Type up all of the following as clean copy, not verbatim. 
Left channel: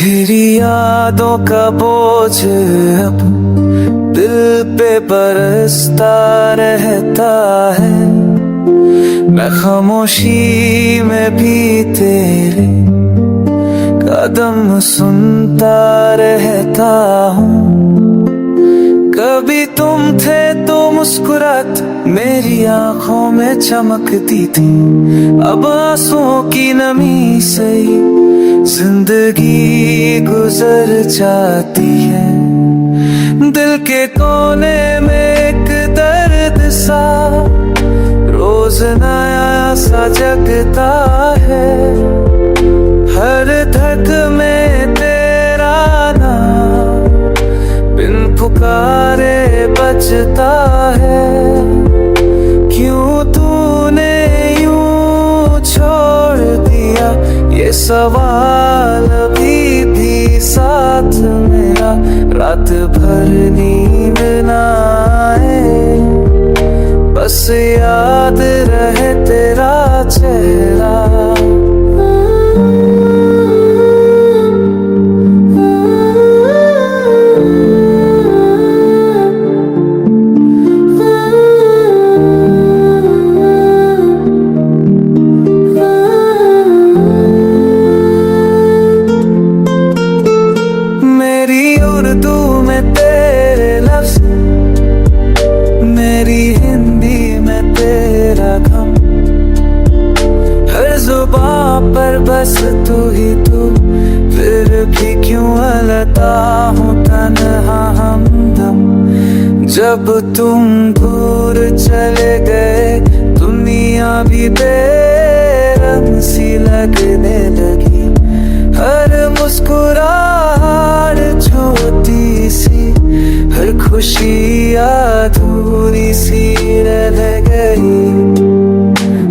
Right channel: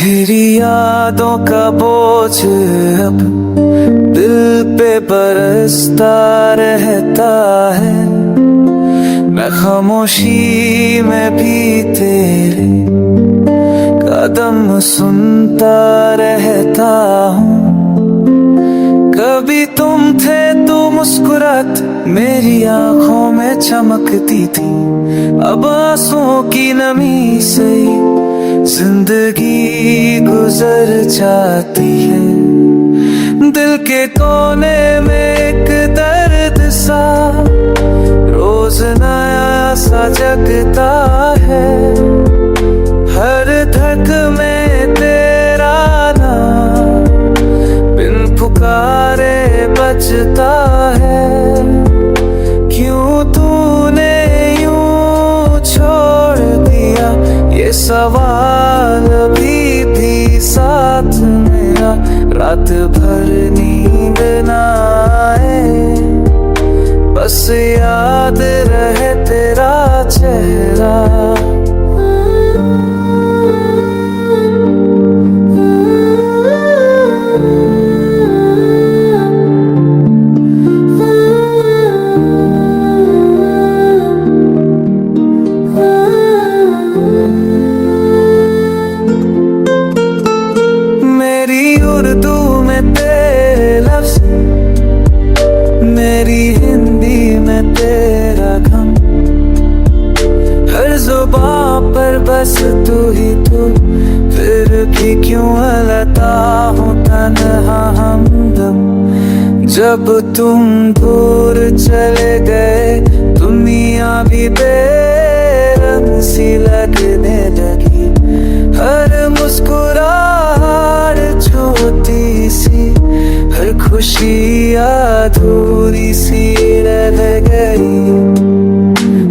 तेरी यादों का बोझ अब दिल पे बरसता रहता है। मैं खामोशी में भी तेरे कदम सुनता रहता हूँ। कभी तुम थे तो मुस्कुरात मेरी आंखों में चमकती थी। अब आंसुओं की नमी से जिंदगी गुजर जाती है। दिल के कोने में एक दर्द सा रोज नया सा जगता है। हर धक में तेरा नाम बिन पुकारे बजता है। क्यों तूने यूं छोड़ दिया ये सवाल अभी भी साथ मेरा। रात भर नींद ना आए बस याद रहे तेरा चेहरा। मेरी उर्दू में तेरे लफ्ज़, मेरी हिंदी में तेरा गम। हर जुबान पर बस तू ही तू, फिर भी क्यों अलता हूँ तन्हा हमदम। जब तुम दूर चले गए दुनिया भी बेरंग सी लगने लगी। हर मुस्कुराहट छोटी सी, हर खुशी अधूरी सी रह गई।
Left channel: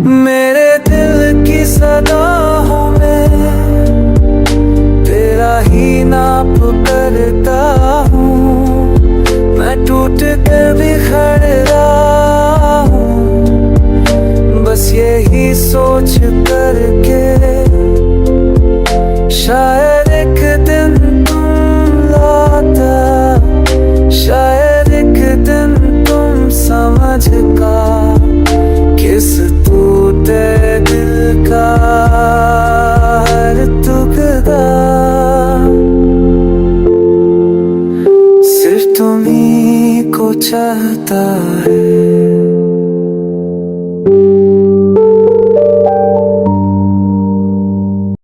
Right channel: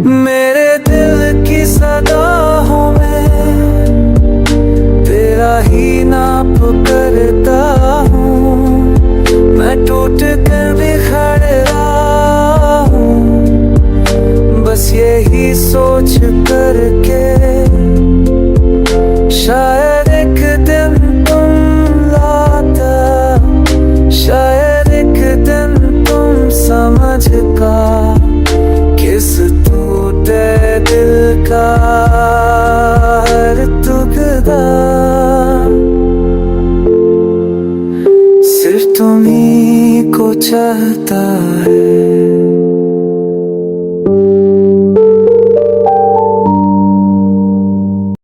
मेरे दिल की सदाओं में तेरा ही नाप करता हूँ। मैं टूट कर बिखर रहा हूँ बस यही सोच करके। शायद एक दिन तुम लाता, शायद एक दिन तुम समझ का किस टूटे दिल का हर टुकड़ा सिर्फ तुम्ही को चाहता है।